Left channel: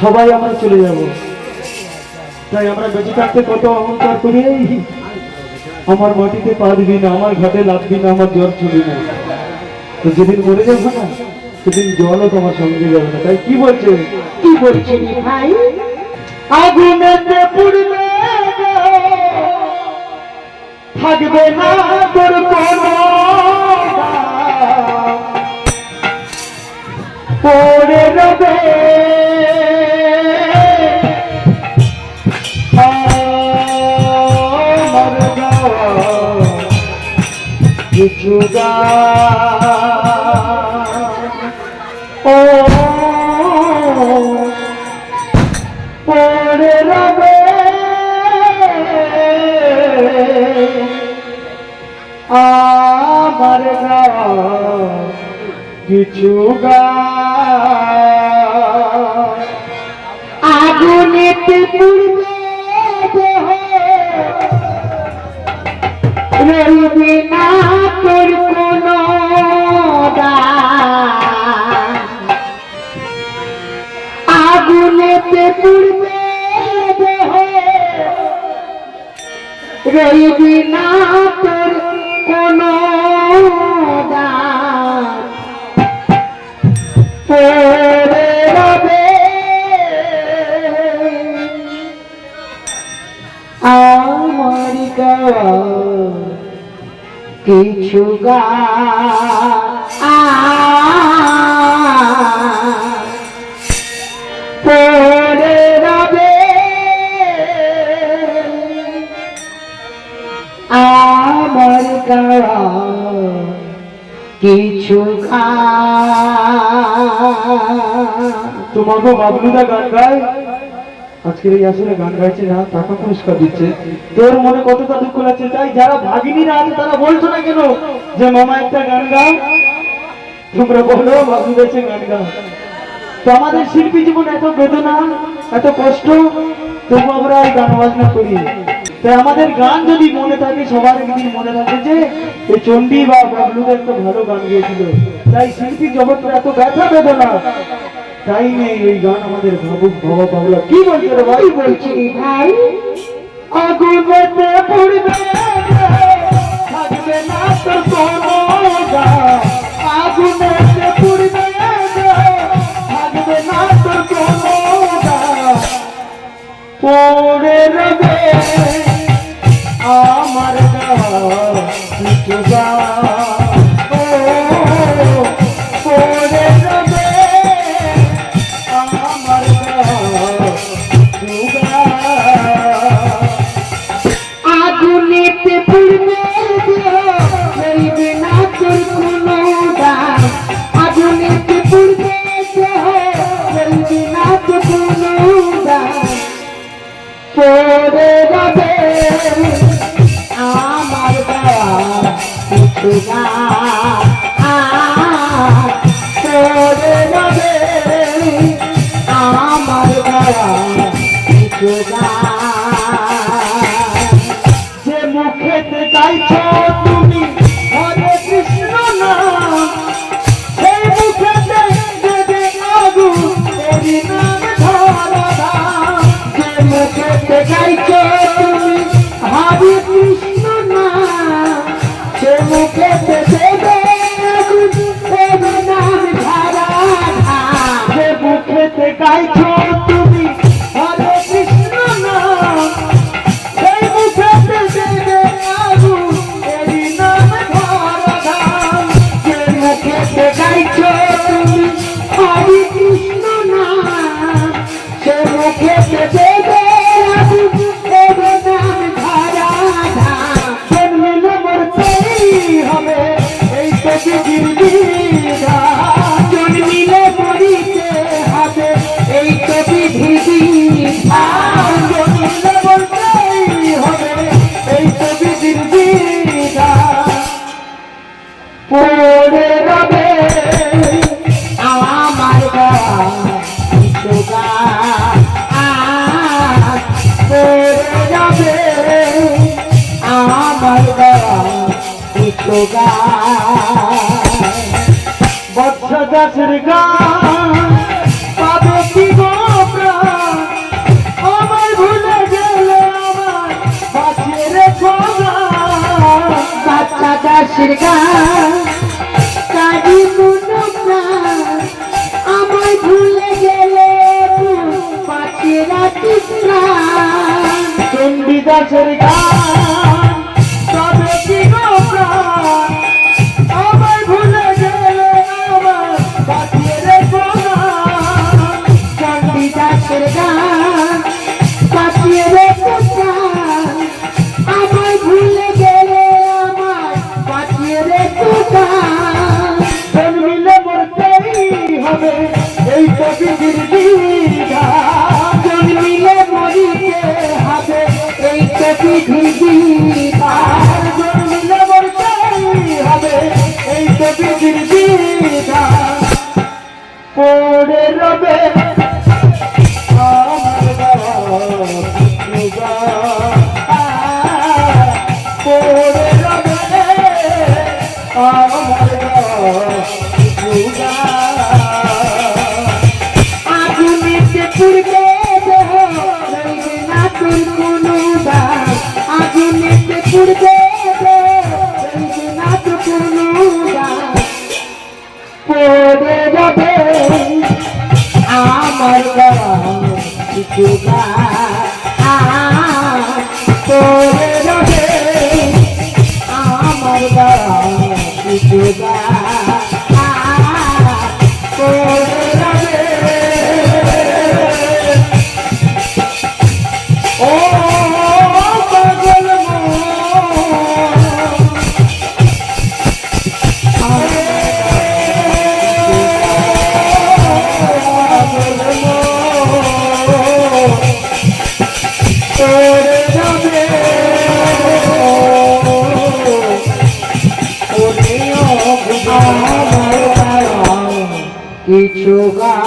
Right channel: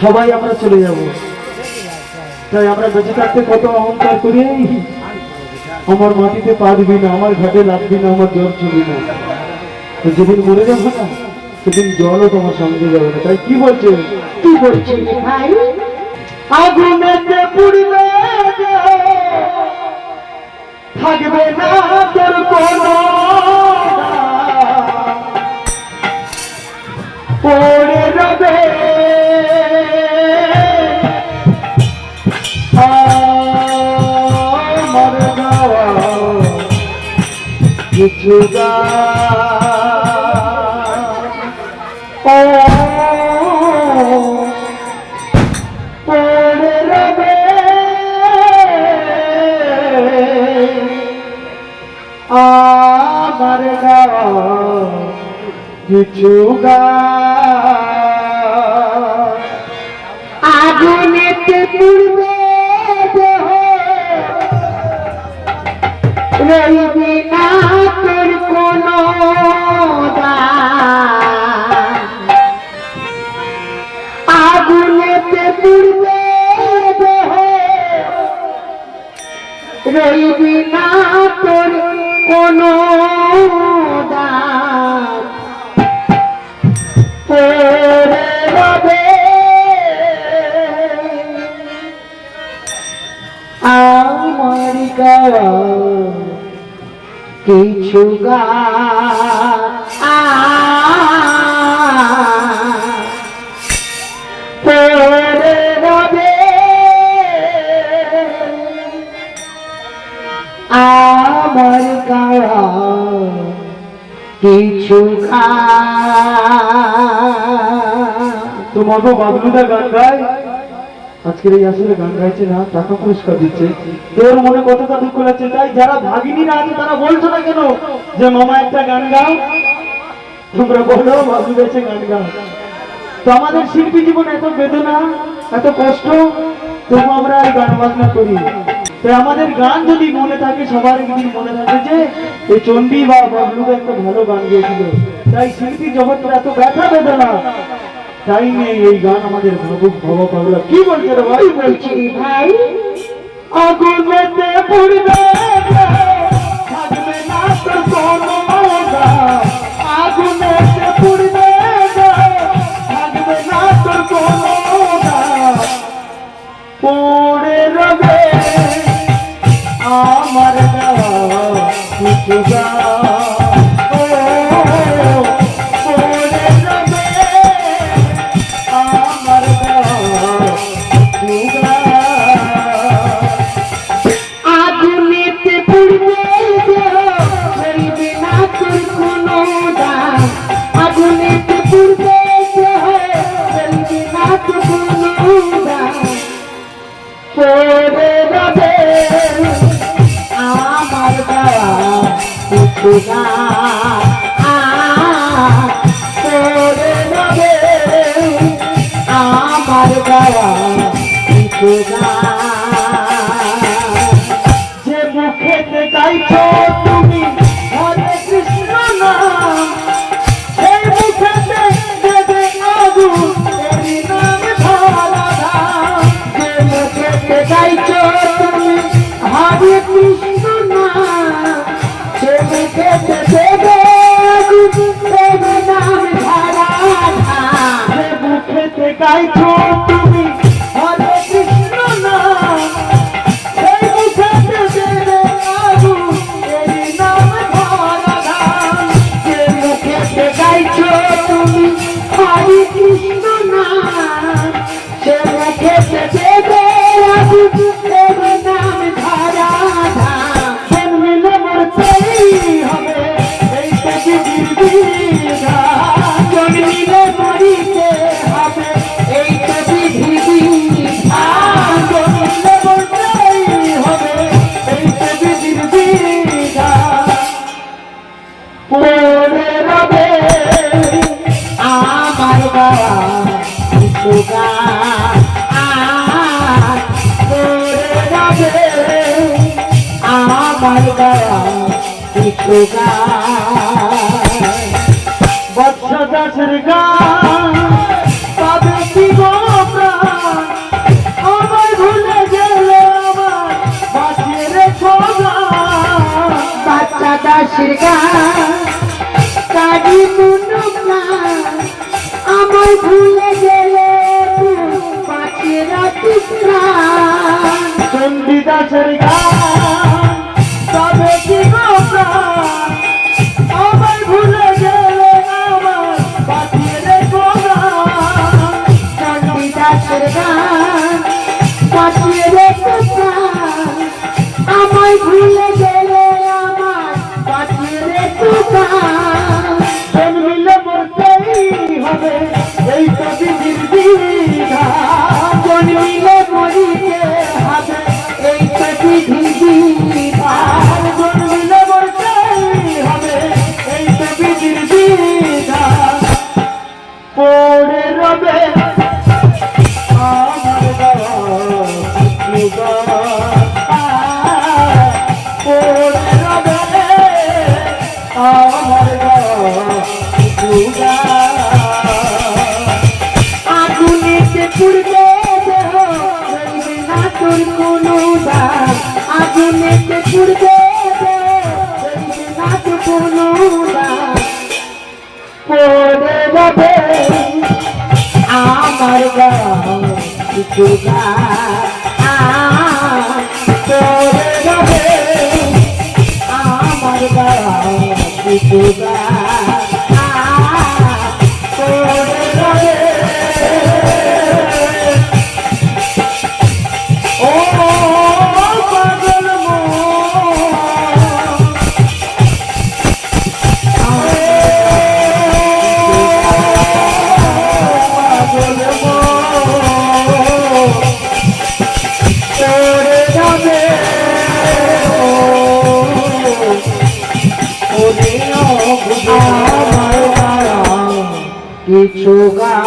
সবাই আমরা চলে যাব। তাই আমরা বেঁচে থাকতে কত অহংকার করি। আমার মাটিতে পা দিবি না আমার ঘাটে লাগবি না আমার জল চলবি না। তো যেদিন মরে যাব না সেদিন জলও তোমার সঙ্গে যাবে না। তাই কি বলছে? কি বলছে? ভাই আগুনেতে পুড়বে থাকবে না তোর কোনো পড়ে রবে। কিছু রবে। আমার কিছু আগুনেতে দেহ। না তোর কোনো কিছু গা কিছু বাবলুদা গান গায়? আজকের এই গান গাইছে না টাকা পুরস্কার দিচ্ছে। তোর মনে কতটা দুঃখ লাগছে তাই যারা ভাগিনীরা আছে তারা বলছো না কেন যে, মামা, একটা গান গাও। তোমরা বলো গান গাও। তো আমাদের শিল্পী জীবন এত বেদনা, এত কষ্ট তবু আমরা গান বাজনা করি। তাই আমাদের গান যদি মনে থাকে, সবার যদি মনে থাকে যে এই চণ্ডী বা বাবলুকে একটা ভালো গান গিয়েছিল। তাই শিল্পী জগৎটা এত ব্যথা বেদনা তাই নেই এই গান আমাদের ভাবুক ভবা পাগলা কি বলছে রে ভাই? বলছি ভাই? আগুন পুড়বে। Let's বৎস দাসের গান, পাবে কি আমার ভুলে গেলে আমার বাঁচিয়ে বাচ্চা দাসের গান কারি আমার ভুলে গেলে বাঁচিয়ে রাখিস চণ্ডী দাসের গান। এই প্রকৃতির কিছু গান কিছু গা